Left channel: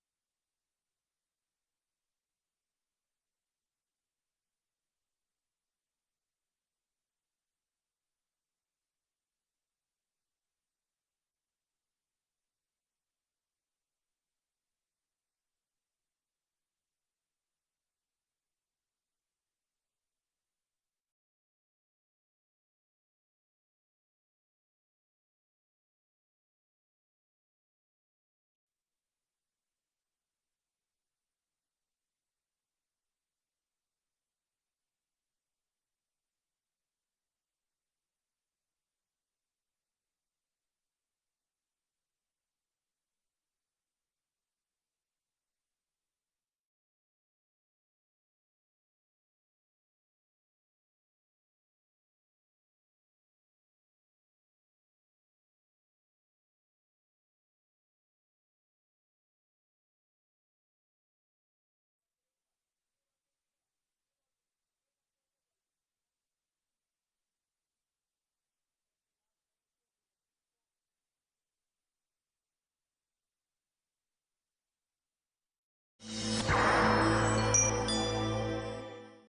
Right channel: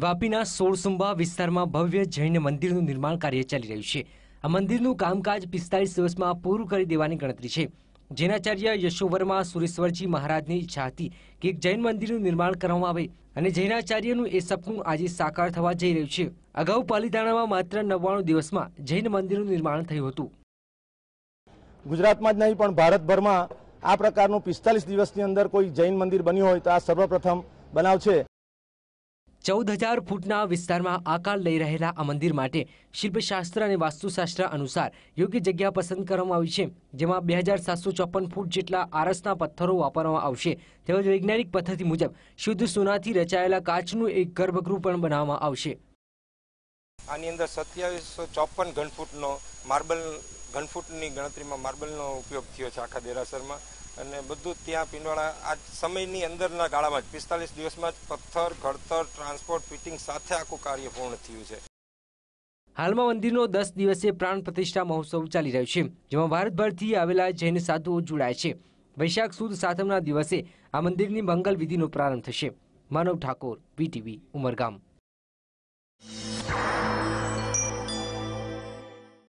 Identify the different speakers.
Speaker 1: વાપીના સોળસુંબા વિસ્તારમાં ભવ્ય જૈન મંદિરનું નિર્માણ કાર્ય ચાલી રહ્યું છે. આ મંદિરનું કામકાજ પિસ્તાલીસ દિવસમાં પૂરું કરી દેવાની ગણતરી છે. જૈનાચાર્ય યશોવર્મા સુરેશ્વરજી મહારાજની ઈચ્છા હતી કે એક જૈન મંદિરનું નિર્માણ કરવામાં આવે અને જૈનાચાર્યનું એ સપનું આજે સાકાર થવા જઈ રહ્યું છે. અગાઉ પાલીતાણામાં માત્ર નવ્વાણું દિવસમાં જૈન મંદિરનું નિર્માણ થયું હતું.
Speaker 2: ગુજરાતમાં જ નહીં, પણ ભારતભરમાં આ પ્રકારનું પિસ્તાલીસ દિવસની અંદર કોઈ જૈન મંદિર બન્યું હોય તો આ સર્વપ્રથમ બનાવ છે.
Speaker 1: ચૌદ હજાર ફૂટના વિસ્તારમાં આકાર લઈ રહેલા આ મંદિર માટે શિલ્પશાસ્ત્ર અને વાસ્તુશાસ્ત્ર અનુસાર યોગ્ય જગ્યા પસંદ કરવામાં આવી છે, જેમાં બે હજાર સાતસો ચોપન ફૂટ જેટલા આરસના પથ્થરો વાપરવામાં આવશે. તેમજ વૈજ્ઞાનિક પદ્ધતિ મુજબ શુદ્ધ સોનાથી રચાયેલા કાચનું એક ગર્ભગૃહ પણ બનાવવામાં આવશે.
Speaker 3: આની અંદર સત્યાવીસો ચોપન ઘનફૂટનો માર્બલ ઘનફૂટની ગણતરીમાં માર્બલનો ઉપયોગ થયો છે આખા દેરાસરમાં. અને બધું ત્યાં પિંડવાળા આ સમયની અંદરના ગાળામાં જ, પિસ્તાલીસ દિવસમાં જ પથ્થર, ઘડતર, ટ્રાન્સપોર્ટ, ફિટિંગ સાથે આખું કાર્ય પૂર્ણ થયું છે.
Speaker 1: હાલમાં મંદિરનો દસ દિવસીય પ્રાણ પ્રતિષ્ઠા મહોત્સવ ચાલી રહ્યો છે, જેમાં ભારતભરથી આવેલા જૈન સાધુઓ જોડાય છે. વૈશાખ સુદ સાતમના દિવસે આ મંદિરની મંગલ વિધિનો પ્રારંભ થશે. માનવ ઠાકોર, વીટીવી, ઉમરગામ.